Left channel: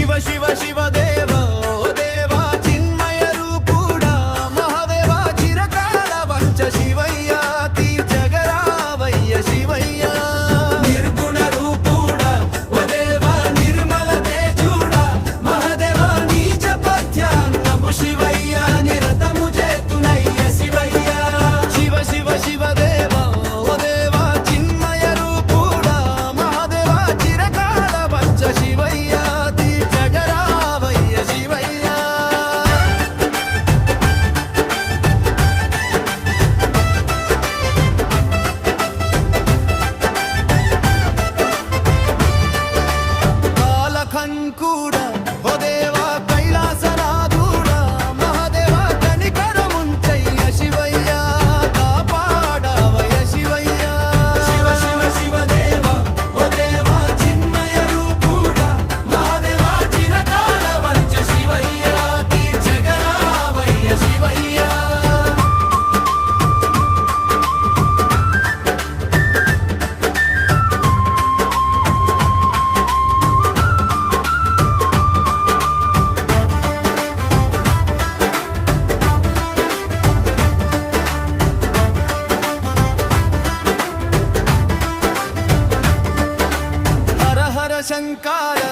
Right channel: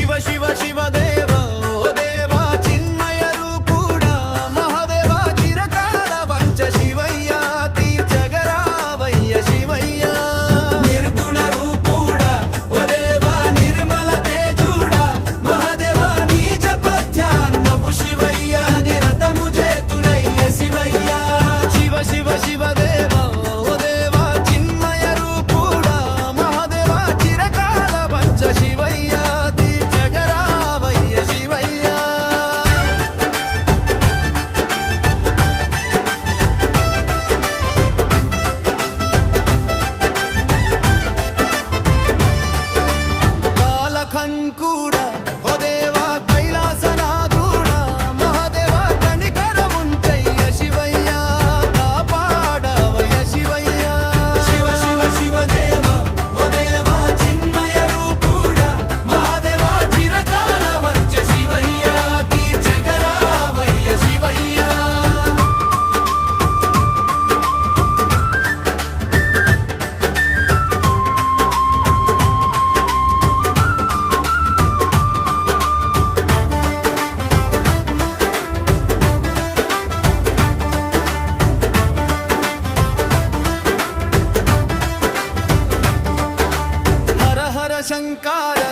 శివ శివ శివ దేవ దేవా చిన్మయ రూపుడా మహాదేవ చిరకాల వంచ శివయ్యాతి ಶಂಕಾರ